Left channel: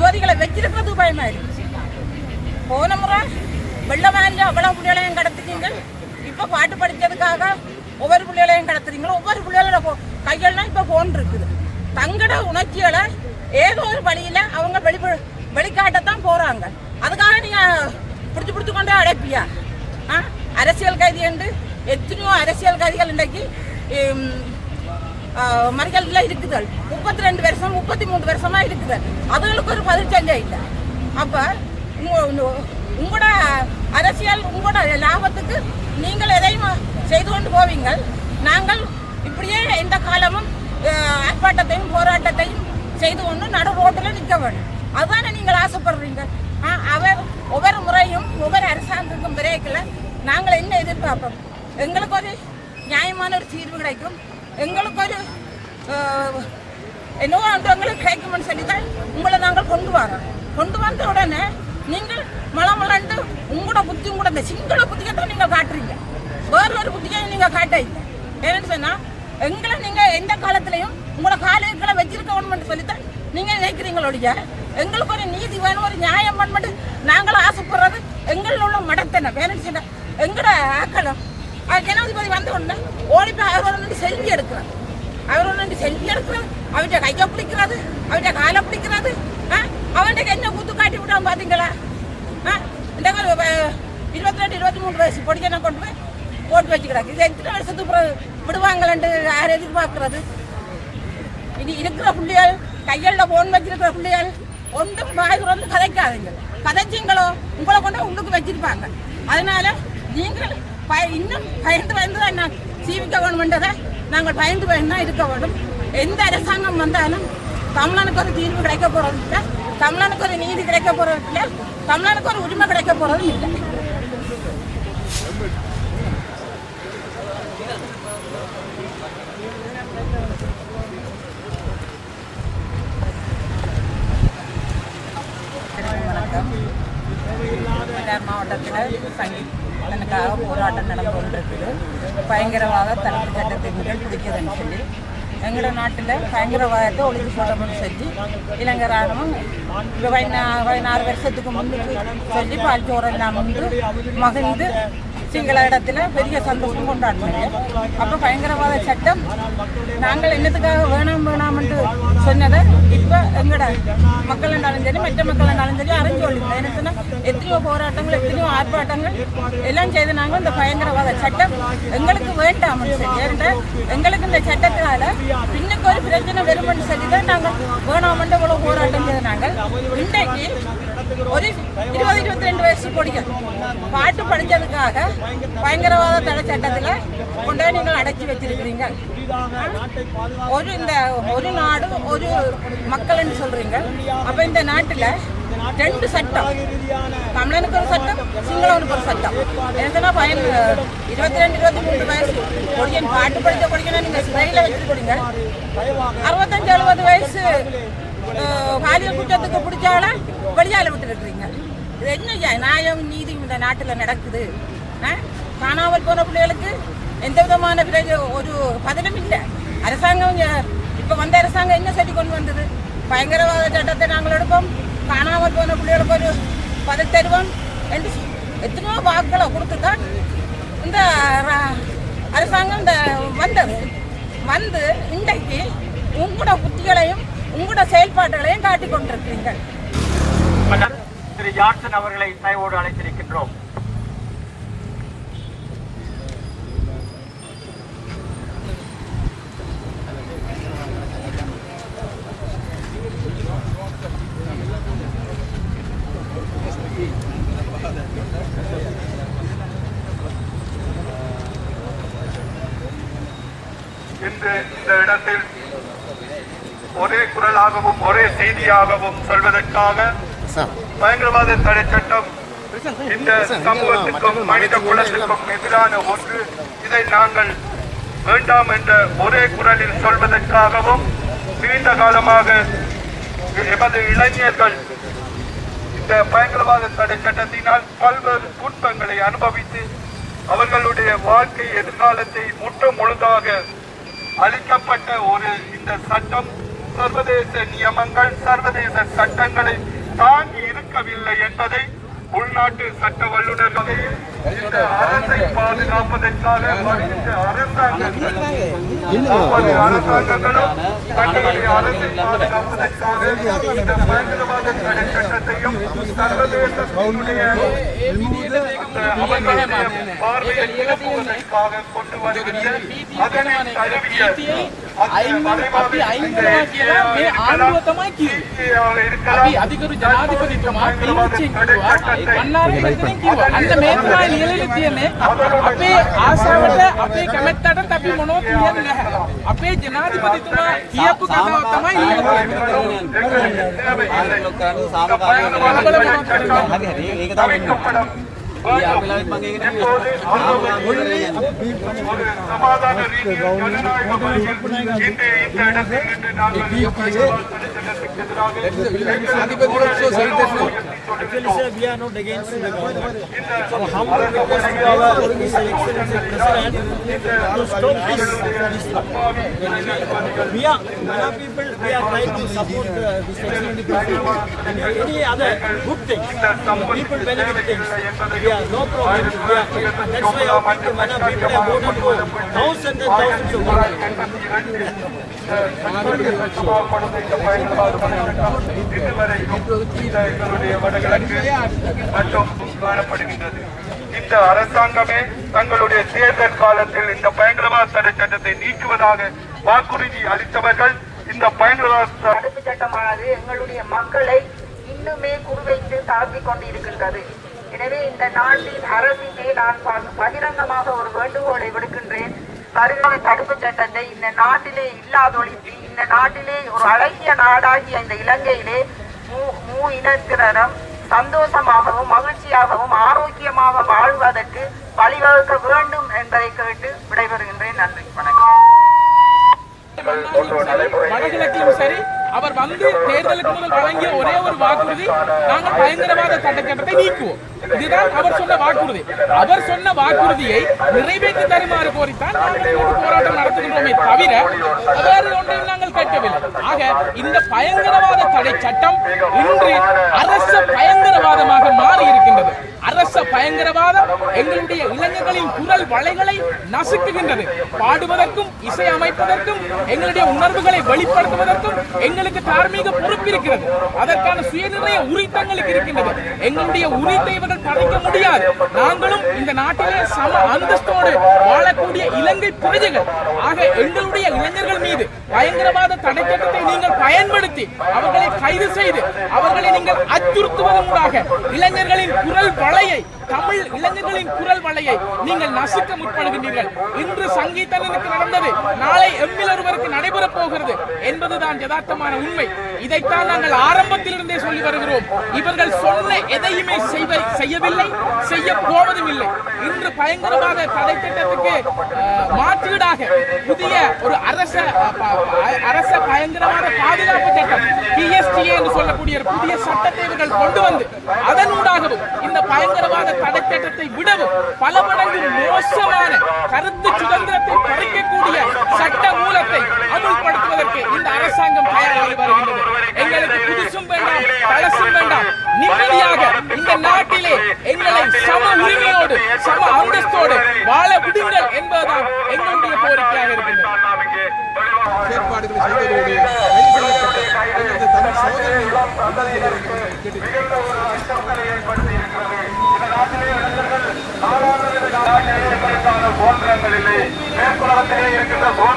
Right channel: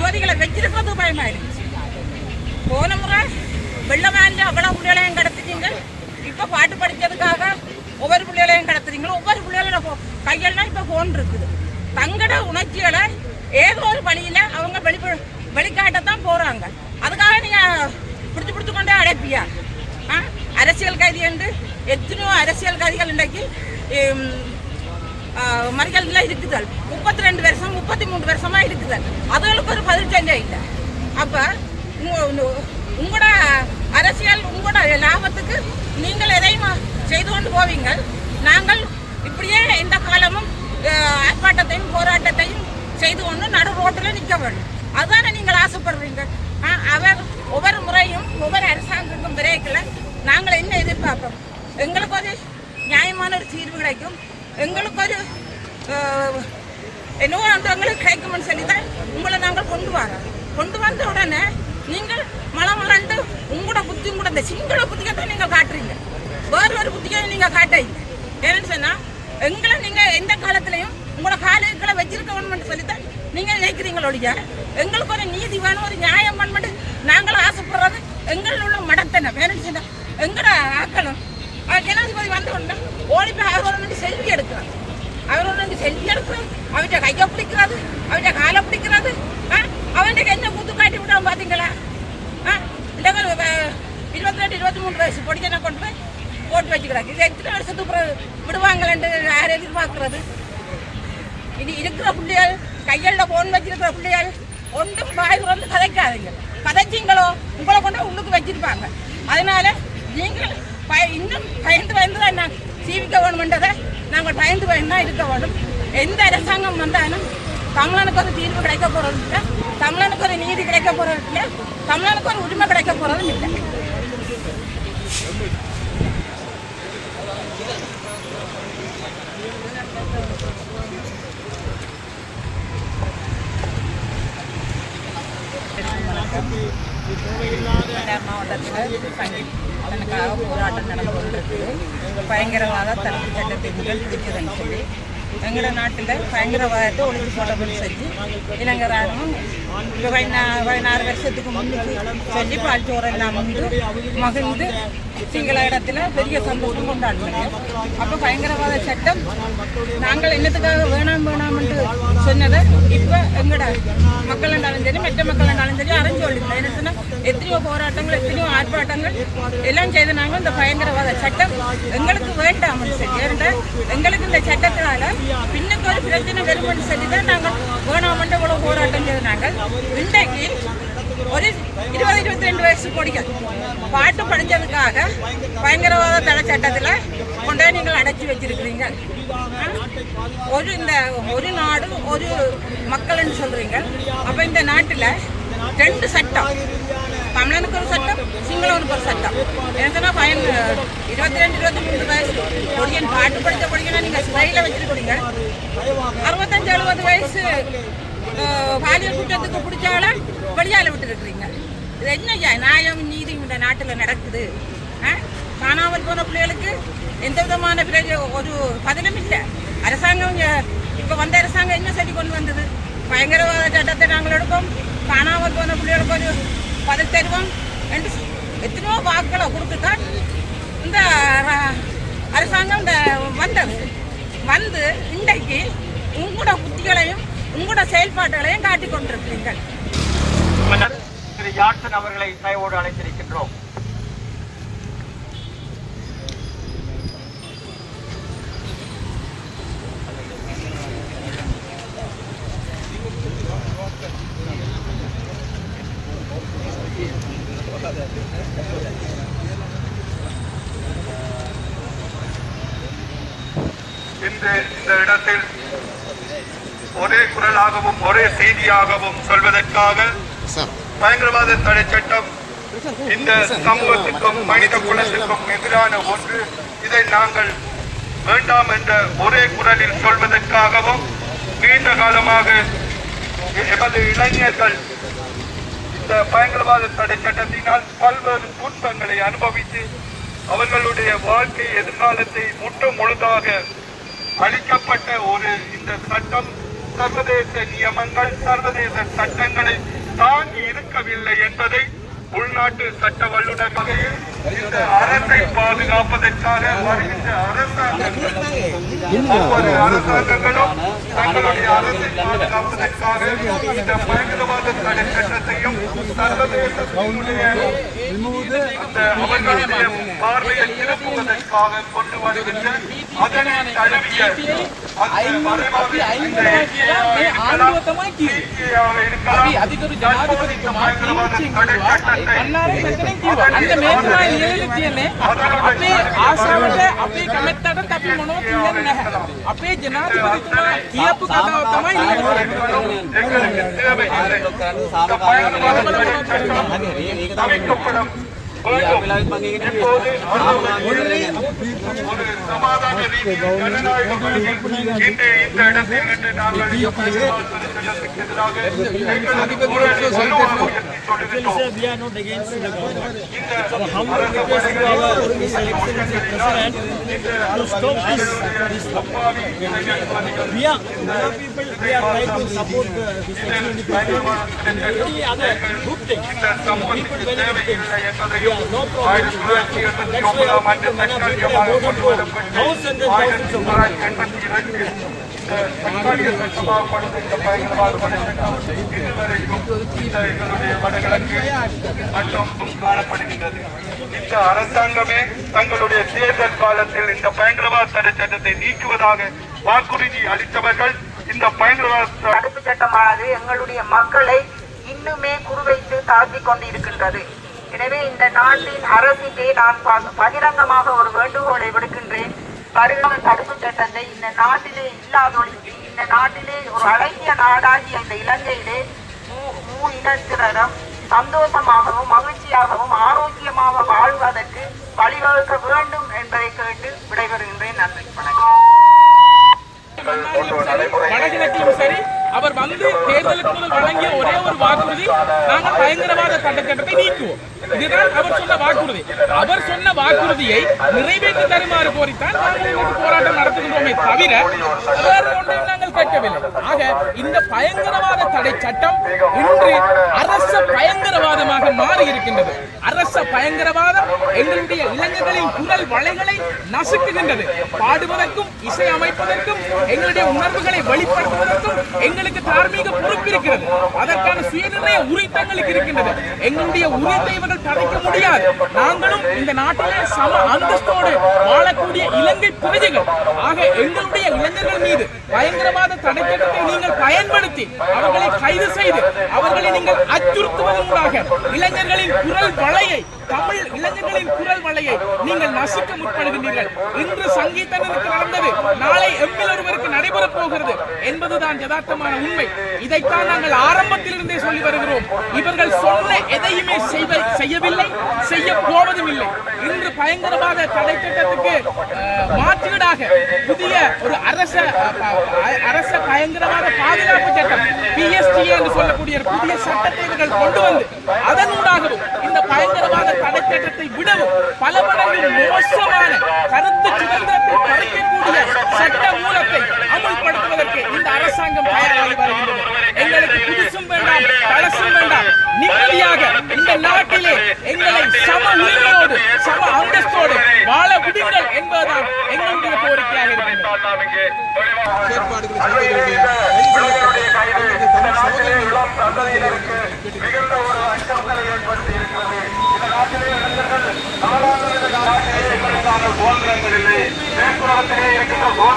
ஜோதிகளை வச்சிருக்கிறது பயமாயிருச்சு. போன முறை வெள்ளவாண்ட அவ்வளவு பிள்ளைகளையும் கடத்துறீங்க. இப்ப பாட்டு படிக்கிறதுக்காக ஒவ்வொரு பிள்ளைகளையும் கடத்துறீங்களோ, ஒவ்வொரு பிள்ளைகளோட கையெல்லாம் இப்ப போன் இருக்குது. தங்கட உணர்ச்சிகளை ஏதோ ஒரு வழியில அவங்க வெளிக்காட்டத்தான் போறாங்க. அதுக்காக நீங்க பிடிச்சு கொண்டே அடைப்பியா? அரசியல் கைதி என்று எத்தனையோ அரசியல் கைதிகள் இன்றைக்கு மறியல்ல இருக்குதல். 32 வருஷம் 33 வருஷமா இருக்குதல். அதுகளுக்கு ஒரு பதில் சொல்ல இல்லை. அப்ப உங்களோட அரசியல் உங்களோட லாபத்துக்கு நீங்கள் எதையும் செய்து கொண்டு போவீங்க. நாங்கள் இப்படியே இந்த காலமும் ஆர்ப்பாட்டத்தையும் போராட்டத்தையும் செய்து கொண்டு நடு ரோட்டில் நிற்க வேண்டும். அதுதானே நீங்கள் ஆசைப்படுறீங்க. அவர் ஒவ்வொரு முறையும் ஒவ்வொரு அரசாங்கத்துக்கும் விரைக்கல நாங்கள் என்ன எதிர்பார்ப்போம்? எங்களுக்கு ஒரு நியாயமான ஒரு தீர்வு கிடைக்கும், எங்களுக்கு ஒரு என்னவோ எங்களுக்கு கிடைக்கும்னு சொல்லி தான் உங்களை நாங்கள் கொண்டு வரோம். கொண்டு வந்த உடனே நீங்கள் மலமலண்டு உங்களோட புத்தி உங்களோட இந்த சிங்கள புத்தியை தான் நீங்கள் காட்டுறீங்க. வேறு ஒரு புத்தியை நீங்கள் காட்ட இல்லை. ஏன்னு சொன்னால் எங்களை நீங்கள் எந்த காலத்திலையும் உங்களோட காலைகளை வச்சிருக்க வேணும்னு சொல்லித்தான் நீங்கள் நினைக்கிறீங்களோடைய. எங்களுக்கு ஒரு நீதி வேணும், ஒரு நியாயம் வேணும்னு நாங்களும் ஆசைப்படுறது எங்களில் உள்ள மடத்தனை வேணும்னு சொன்னால் எங்களோட ஆக்களும் ஜனாதிபதி வந்த உடனே ஓடிப்போ அவரோட செல்வி எடுக்கிறாங்க. அவரோட செல்வி எடுக்கிறது, அவற்றை கையை பிடிக்கிறது, அவற்றை காலை பிடிக்கிறது. அவன்கிட்ட என்ன கூத்து காட்டி விடாம பார்த்தீங்களா? 22 23 வயசு பொடிக்கனை கொண்டு போய் போட்டு வச்சுக்கிறாங்க. இது எத்தனை வருஷத்துக்கு விடுவாங்களேன்ட்டு யார் எதிர்பார்க்கறது? இனி இருக்கிற பிள்ளைகள் கையில் போன் வச்சிருக்கிற பிள்ளைகள் ஒன்றும் வாய் வந்து கதைக்காதீங்க. கதைச்சிங்களோ உங்களை கொண்டு உள்ளுக்கு வச்சிருப்பாங்க. அதனால நீங்கள் இன்னும் பயந்து தான் நான் ஜீவிக்க வேணுமென்றதை நாங்கள் பயந்து தான் இருக்க வேண்டும். எந்த அரசாங்கம் வந்தாலும் தமிழனுக்கு ஒரு தீர்வு கிடைக்க போறது இல்லை, தமிழனுக்கு ஒரு நீதி கிடைக்க போறது இல்லை, தமிழனுக்கு ஒரு உரிமை கிடைக்க போறதும் இல்லை. வணக்கம். மன்னார் மாவட்டத்தில் சங்கீதனுக்காக போராட்டம் நடந்து கொண்டிருக்குது. பயங்கரவாத தடுப்பு சட்டத்தை முதல் பிடிச்சதுன்னு சொல்லி எங்களோட நாட்டில் பயங்கரவாதத்தை ஒழிச்சு போட்டோம்னு சொல்லி இலங்கை ராணுவம் 16 வருஷத்துக்கு முன்னுக்கு சொல்லி பால்ச்சோரெல்லாம் முன்பு மகிழ்ந்து சிங்கள இடத்துல பெரிய சந்தோஷம் கொண்டாடினாங்க. அப்போ பயங்கரவாத சட்டம் நாங்கள் என்னத்துக்காக வேணாம்னு சொன்னதை இப்போ எங்களோட மக்கள் இருந்தாலும் சரி மற்ற மக்கள் இருந்தாலும் சரி அறிஞ்சு கொள்ளுங்க. என்ன சொன்னால் எத்தனையோ போராட்டங்கள் எத்தனையோ ஆர்ப்பாட்டங்கள் எல்லாம் செய்து நாங்கள் இந்த பயங்கரவாத சட்டம் எங்களுக்கு வேண்டாம்னு சொல்லி எங்களுக்கு இந்த சட்டத்தினால பின்னுக்கு ஒரு பிரச்சனை வரும்னு சொல்லி தான் நாங்கள் வேணாமன்ற இவ்வளோ போராட்டம் செய்து நாங்கள் இன்றைக்கு ஒரு 20-22 வயசு பொடிகள் பாட்டு படித்ததுக்காக பயங்கரவாத தடை சட்டத்தில் கொண்டே நீங்கள் அடைச்சி வச்சிருக்கிறீங்க. ஒரு நாடு ஒரு மக்கள்னு சொல்றீங்க. அப்போ இந்த நாட்டில் 2 சட்டம், தமிழனுக்கு ஒரு சட்டம், சிங்களவனுக்கு ஒரு சட்டம். என்னன்னா 22-23 வயசு பொடியன் பாட்டு படித்த பொடியனை நீங்கள் சிறையில் வச்சிருக்கிறீங்க. 65-70 வயசு பாலியல் குற்றத்துக்கு பிடிச்சால வெளியால விட்டு இருக்கிறீங்க. இது என்ன நியாயம் நீதி இந்த நாட்டில் நடக்குது? காணாமல் போன பிள்ளைகளுக்கு எந்த விதமான ஒரு பதிலும் இல்லை. அரசாங்கம் இப்போ வந்த அரசாங்கம் என்ன சொல்லி கொண்டு வந்தது? பயங்கரவாத சட்டத்தை நாங்கள் எடுப்போம், காணாமல் போன பிள்ளைகளுக்கு ஒரு பதில் தருவோம் என்று எத்தனையோ வாக்களை கொடுத்துதான் இந்த அரசாங்கம் வந்து இன்றைக்கு உங்களோட புத்திகளையும் உங்களோட செயல்பாடுகளையும் காட்டிக் கொண்டிருக்கிறீர்கள். திரு ஜான்சன் அவர்களை தயவோடு அழைத்திருக்கின்றோம். இன்று இந்த இடத்தில் ஒரே குரலாகவும் ஒரே செய்தியாகவும் சொல்வதற்காக பயங்கரவாத தடை சட்டம் இந்த சமூகத்திற்கும் மனித குலத்திற்கும் எதிரான ஒன்று, இதை நாங்கள் வேண்டாம் என்ற ஒரே குரலில் சொல்வதற்காகவும் நீண்ட காலமாக எமது இளைஞர்கள் இந்த பயங்கரவாத தடை சட்டத்தினால் பல்வேறு துன்பங்களை அனுபவித்து அவர்களுடைய வாழ்க்கை எதிர்காலத்தை முற்று முழுதாக அளிக்கப்பட்ட ஒரு இந்த சட்டம் சர்வதேச நியமங்கள் சர்வதேச சட்டங்களை தாங்கி இருக்கவில்லை என்பதை உள்நாட்டு சட்ட வல்லுநர் வகையில் அரசை பாதுகாப்பதற்காக அரசாங்கங்களும் தங்களுடைய அரசை பார்வையை திருப்புவதற்காக கொண்டு வருகின்ற அதனை தழுவிய අධිකරු ජනාධිපතිතුමා පිළිච්චි කිව්වා අන්නාරේ මෙතනින් කිව්වා අන්න මේකයි ලියවිලි තියෙන්නේ අපේ ආසාවට අපේ කැමැත්තට අපි මොනවද කියන්නේ නැහැ අපේ ජනාධිපතිතුමා කියපු දේ තමයි Actually, sir, we are not against the government. Our humble request to our His Excellency President to stop this. We are, many people, we are trying to support this Excellency President and any other good things. People benefit things. We are no problem. We are, that's why our people, many people have voted for thousands and thousands of voters. இந்த அரசாங்கமே தங்களுடைய தேர்தல் காலத்தில் இந்த பயங்கரவாத தடை சட்டத்தை நீக்குவதாக வாக்குறுதி அளித்தவர்கள் இந்த பயங்கரவாத தடுப்பு சட்டமானது எங்களுடைய மக்களை இன்னுமே குறிவைத்து தாக்கிக் கொண்டிருக்கின்றது. எனவே இந்த நாட்டின் அரசுக்கே நான் பகிரங்கமாக ஒரு வேண்டுகோளை விடுக்கின்றேன். பயங்கரவாத தடுப்பு சட்டத்தை இந்த நாட்டிலே இல்லாதொழித்து இந்த நாட்டிலே ஒரு அழகிய நாடாகிய இந்த இலங்கையிலே இனத்தினரும் சந்தோஷமாகவும் மகிழ்ச்சியாகவும் ஆரோக்கியமாக வாழ்வதற்கு வழிவகுக்க வேண்டும் என்பதை கேட்டு விடைபெறுகின்றேன். நன்றி, வணக்கம். வடகிழக்கிலும் சரி அவர் வந்து தேர்தலுக்கு முதல் வழங்கிய ஒரே ஒரு வாக்குறுதி நாங்கள் பயங்கரவாத சட்டத்தை நீக்குவோம். இதுதான் அவர் சொன்ன வாக்குறுதி. அவர் சொன்ன வாக்குறுதியை நிறைவேற்றி தருமாறு கோரித்தான் நாங்கள் இன்னைக்கு போராட்டம் நடத்துகின்றோமே தவிர வேறு ஒன்றையும் நாங்கள் கேட்கவில்லை. ஆக இந்த பயங்கரவாத தடை சட்டம் இன்று அரச பயங்கரவாதமாக மாறி இருக்கின்றது. அரச பயங்கரவாதம் எங்களுடைய இளைஞர்களின் குரல் வளைகளை நசுக்குகின்றது. பாடுவதற்கும் இசை அமைப்பதற்கும் எங்களுடைய உணர்வுகளை வெளிப்படுத்துவதற்கும் எங்களுக்கு தார்மீக பொறுப்பு இருக்கிறது. அதற்கான சுயநிர்ணய உரித்தங்களுக்கு இருக்கின்றது. எங்களுடைய உரித்தை இவர்கள் படைக்க முடியாது. நாங்களும் இந்த நாட்டிலே சம அந்தஸ்தோடு வாழக்கூடிய இலங்கை பிரஜைகள். ஆக எங்களுடைய இளைஞர்கள் மீது பயங்கரவாத தடை சட்டத்தை நீங்கள் பயன்படுத்தி அவர்களை கைது செய்து அவர்களை நீங்கள் அச்சுறுத்துவதன் மூலமாக இளைஞர்களின் குரல் வளையை தமிழ் இளைஞர்களின் குரல் வளையை நீங்கள் நசுக்க முற்படுகின்றீர்கள். இன்று சங்கீதனுக்கு நடந்தது நாளை எம்மில் ஒருவருக்கு நடைபெறப் போகிறது என்பதுதான் யதார்த்தமான உண்மை. இதைத்தான் நாங்கள் ஆரம்பத்திலிருந்தே சொல்லி வருகிறோம். இவர்கள் சொன்ன எதையுமே செய்யவில்லை, செய்ய போவதும் இல்லை. இன்று பயங்கரவாத தடை சட்டத்துக்கு மாற்றீடாக புதிய ஒரு அரச பயங்கரவாத பாதுகாப்பு சட்டம் PSTA என்று சொல்லக்கூடிய ஒரு புதிய சட்டத்தை இவர்கள் கொண்டு வந்து அதனூடாகவும் இந்த பயங்கரவாத தடை சட்டத்தை விடவும் பல மடங்கு மோசமான கருத்து சுதந்திரத்தை பறிக்கக்கூடிய சட்ட மூலத்தை அமுல்படுத்துவதற்கு இந்த அரசாங்கம் தயாராகி வருகின்றது. எங்களுக்கு புதுசும் வேண்டாம், பழசும் வேண்டாம். நிம்மதியாக இந்த நாட்டிலே எங்களை சம உரிமையோடு சம அந்தஸ்தோடு வாழ விடுங்கள் என்பதுதான் எங்களுடைய கோரிக்கையாக இருக்கின்றது. சுதந்திரங்கள் இல்லை. மேற்குலகத்திலே இருக்கின்ற